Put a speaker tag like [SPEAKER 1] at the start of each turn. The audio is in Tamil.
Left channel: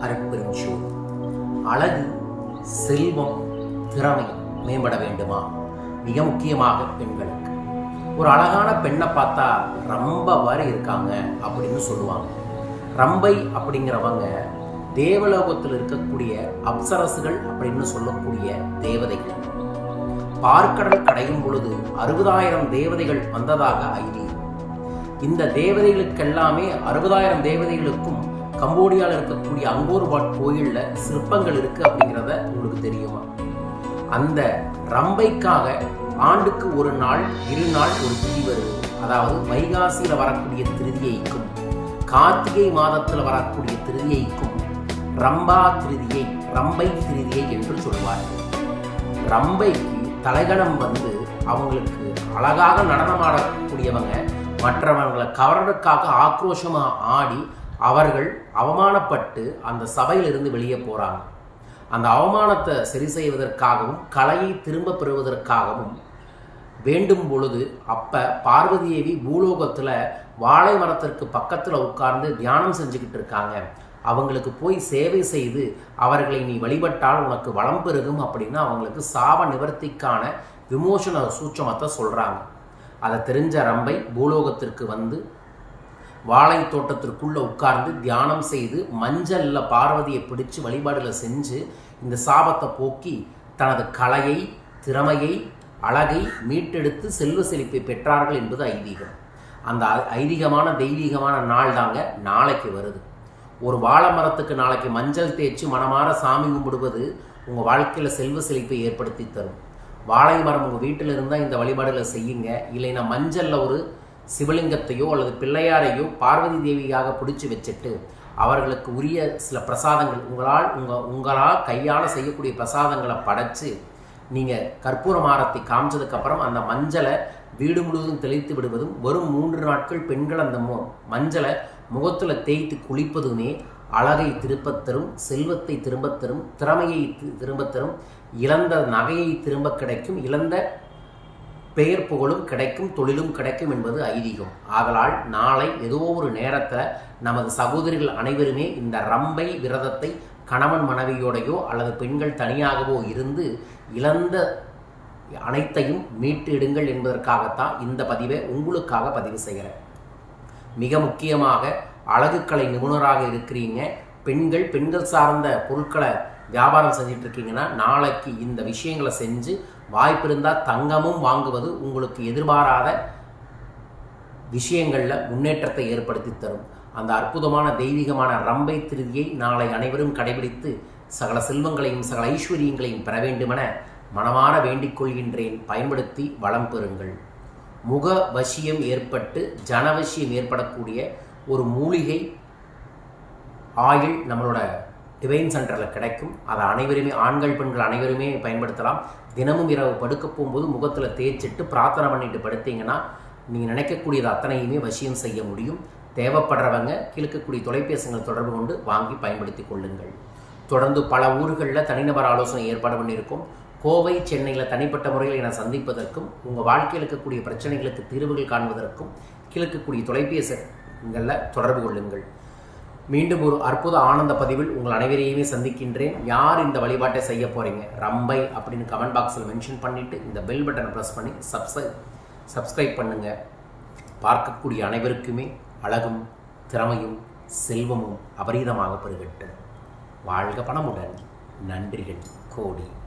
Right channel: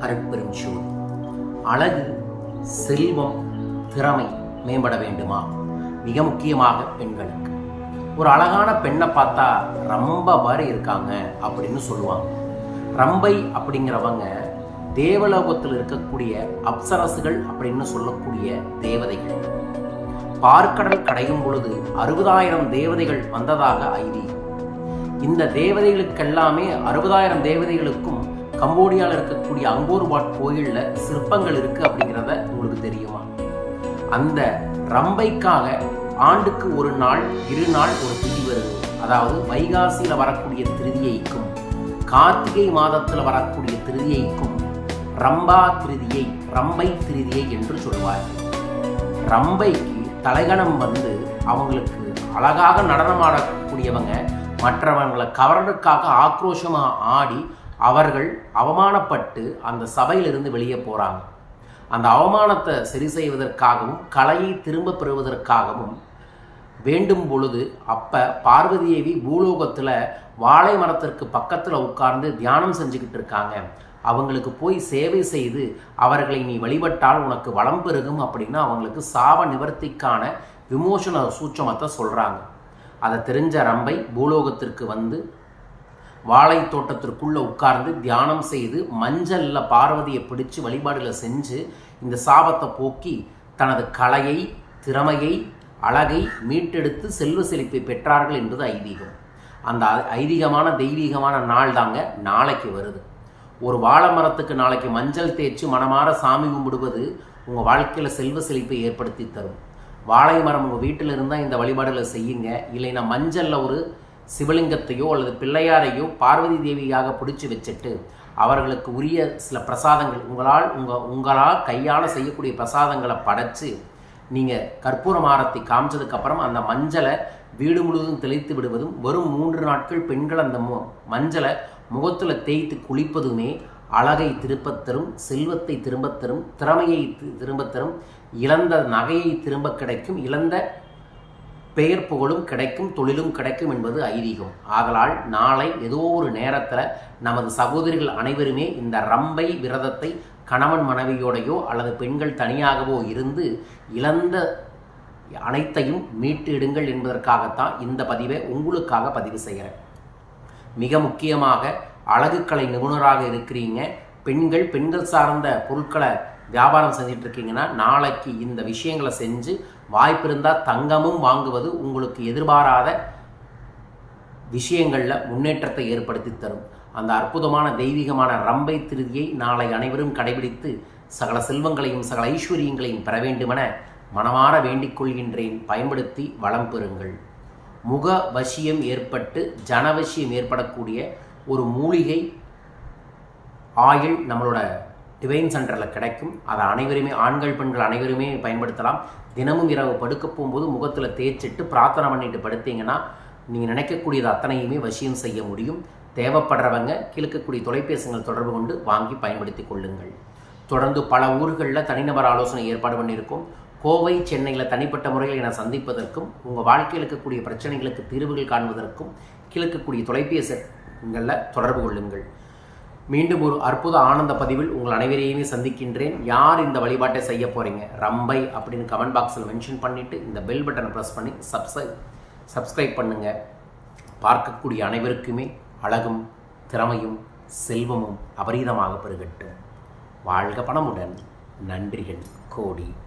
[SPEAKER 1] அருட்பெரும் ஜோதி அழகு செல்வம் திறமை மேம்பட வேண்டுமா? மிக முக்கியமாக பெண்களுக்கு. ஒரு அழகான பெண்ணை பார்த்தா ரொம்ப வாரி இருக்காங்க அப்படின்னு சொல்லுவாங்க. ரம்பை அப்படிங்கிறவங்க தேவலோகத்தில் இருக்கக்கூடிய அப்சரசுகள் அப்படின்னு சொல்லக்கூடிய தேவதைகள். பார்க்கடல் கடையும் பொழுது அறுபதாயிரம் தேவதைகள் வந்ததாக ஐதீகம். இந்த தேவதைகளுக்கெல்லாமே அறுபதாயிரம் தேவதைகளுக்கும் கம்போடியாவில் இருக்கக்கூடிய அங்கோர்வாட் கோயிலில் சிற்பங்கள் இருக்குது அப்படிங்கிறத உங்களுக்கு தெரியுமா? அந்த ரம்பைக்காக ஆண்டுக்கு ஒரு நாள் இரு நாள் ஒரு திதி வருது. அதாவது வைகாசியில் வரக்கூடிய திருதியைக்கும் கார்த்திகை மாதத்தில் வரக்கூடிய திருதியைக்கும் ரம்பா திருதியை ரம்பை திருதியை என்று சொல்வார்கள். ரம்பைக்கு தலைகணம் வந்து அவங்களுக்கு அழகாக நடனமாடக்கூடியவங்க மற்றவங்களை கவர்றதுக்காக ஆக்ரோஷமாக ஆடி அவர்கள் அவமானப்பட்டு அந்த சபையிலிருந்து வெளியே போகிறாங்க அந்த அவமானத்தை சரி செய்வதற்காகவும் கலையை திரும்ப பெறுவதற்காகவும் வேண்டும் பொழுது அப்போ பார்வதி தேவி பூலோகத்தில் வாழை மரத்திற்கு பக்கத்தில் உட்கார்ந்து தியானம் செஞ்சுக்கிட்டு இருக்காங்க. அவங்களுக்கு போய் சேவை செய்து அவர்களை நீ வழிபட்டால் உனக்கு வளம் பெருகும் அப்படின்னு அவங்களுக்கு சாப நிவர்த்திக்கான விமோசன சூட்சமத்தை சொல்கிறாங்க அதை தெரிஞ்ச ரம்பை பூலோகத்திற்கு வந்து வாழை தோட்டத்திற்குள்ளே உட்கார்ந்து தியானம் செய்து மஞ்சளில் பார்வதியை பிடிச்சு வழிபாடுகளை செஞ்சு இந்த சாபத்தை போக்கி தனது கலையை திறமையை அழகை மீட்டெடுத்து செல்வ செழிப்பை பெற்றார்கள் என்பது ஐதீகம். அந்த ஐதீகமான தெய்வீகமான நாள் தாங்க நாளைக்கு வருது. ஒரு வாழை மரத்துக்கு நாளைக்கு மஞ்சள் தேய்ச்சி மனமாற சாமி கும்பிடுவது உங்கள் வாழ்க்கையில் செல்வ செழிப்பை ஏற்படுத்தி தரும். வாழை மரம் உங்கள் வீட்டில் இருந்தால் இந்த வழிபாடுகளை செய்யுங்க. இல்லைன்னா மஞ்சளில் ஒரு சிவலிங்கத்தையோ அல்லது பிள்ளையாரையோ பார்வதி தேவியாக பிடிச்சி வச்சுட்டு அவர்களுக்கு உரிய சில பிரசாதங்கள் உங்களால் உங்கள் உங்களால் கையால் செய்யக்கூடிய பிரசாதங்களை படைச்சு நீங்கள் கற்பூர மாரத்தை காமிச்சதுக்கப்புறம் அந்த மஞ்சளை வீடு முழுவதும் தெளித்து விடுவதும் வரும் மூன்று நாட்கள் பெண்கள் அந்த மஞ்சளை முகத்தில் தேய்த்து குளிப்பதுமே அழகை திருப்பத் தரும் செல்வத்தை திரும்பத் தரும் திறமையை திரும்பத் தரும் இழந்த நகையை திரும்ப கிடைக்கும் இழந்த பெயர் புகழும் கிடைக்கும் தொழிலும் கிடைக்கும் என்பது ஐதீகம். ஆதலால் நாளை ஏதோ ஒரு நேரத்தில் நமது சகோதரிகள் அனைவருமே இந்த ரம்பை விரதத்தை கணவன் மனைவியோடையோ அல்லது பெண்கள் தனியாகவோ இருந்து இழந்த அனைத்தையும் மீட்டு எடுங்கள் என்பதற்காகத்தான் இந்த பதிவை உங்களுக்காக பதிவு செய்கிறேன். மிக முக்கியமாக அழகுக்கலை நிபுணராக இருக்கிறீங்க. பெண்கள் பெண்கள் சார்ந்த பொருட்களை வியாபாரம் செஞ்சுட்டு இருக்கீங்கன்னா நாளைக்கு இந்த விஷயங்களை செஞ்சு வாய்ப்பு இருந்தால் தங்கமும் வாங்குவது உங்களுக்கு எதிர்பாராத விஷயங்களில் முன்னேற்றத்தை ஏற்படுத்தி தரும். அந்த அற்புதமான தெய்வீகமான ரம்பை திருதியை நாளை அனைவரும் கடைபிடித்து சகல செல்வங்களையும் சகல ஐஸ்வர்யங்களையும் பெற வேண்டுமென மனமாற வேண்டிக் கொள்கின்றேன். பயன்படுத்தி வளம் பெறுங்கள். முக வசியம் ஏற்பட்டு ஜனவசியம் ஏற்படக்கூடிய ஒரு மூலிகை ஆயில் நம்மளோட டிவைன் சென்டரில் கிடைக்கும். அதை அனைவருமே ஆண்கள் பெண்கள் அனைவருமே பயன்படுத்தலாம். தினமும் இரவு படுக்க போகும்போது முகத்தில் தேய்ச்சிட்டு பிரார்த்தனை பண்ணிட்டு படுத்தீங்கன்னா நீங்கள் நினைக்கக்கூடியது அத்தனையுமே வசியம் செய்ய முடியும். தேவைப்படுறவங்க கிழக்கக்கூடிய தொலைபேசிகள் தொடர்பு கொண்டு வாங்கி பயன்படுத்தி கொள்ளுங்கள். தொடர்ந்து பல ஊர்களில் தனிநபர் ஆலோசனை ஏற்பாடு பண்ணியிருக்கோம். கோவை சென்னையில் தனிப்பட்ட முறையில் என சந்திப்பதற்கும் உங்கள் வாழ்க்கையில் இருக்கக்கூடிய பிரச்சனைகளுக்கு தீர்வுகள் காண்பதற்கும் கிழக்கக்கூடிய தொலைபேசிகளில் தொடர்பு கொள்ளுங்கள். மீண்டும் ஒரு அற்புத ஆனந்த பதிவில் உங்கள் அனைவரையுமே சந்திக்கின்றேன். யார் இந்த வழிபாட்டை செய்ய போகிறீங்க ரம்பை அப்படின்னு கமெண்ட் பாக்ஸில் மென்ஷன் பண்ணிவிட்டு இந்த பெல் பட்டனை ப்ரெஸ் பண்ணி சப்ஸ்கிரை சப்ஸ்கிரைப் பண்ணுங்கள் பார்க்கக்கூடிய அனைவருக்குமே அழகும் திறமையும் செல்வமும் அபரீதமாக பெருகட்டும். வாழ்க பணமுடன். நன்றிகள். கோடி.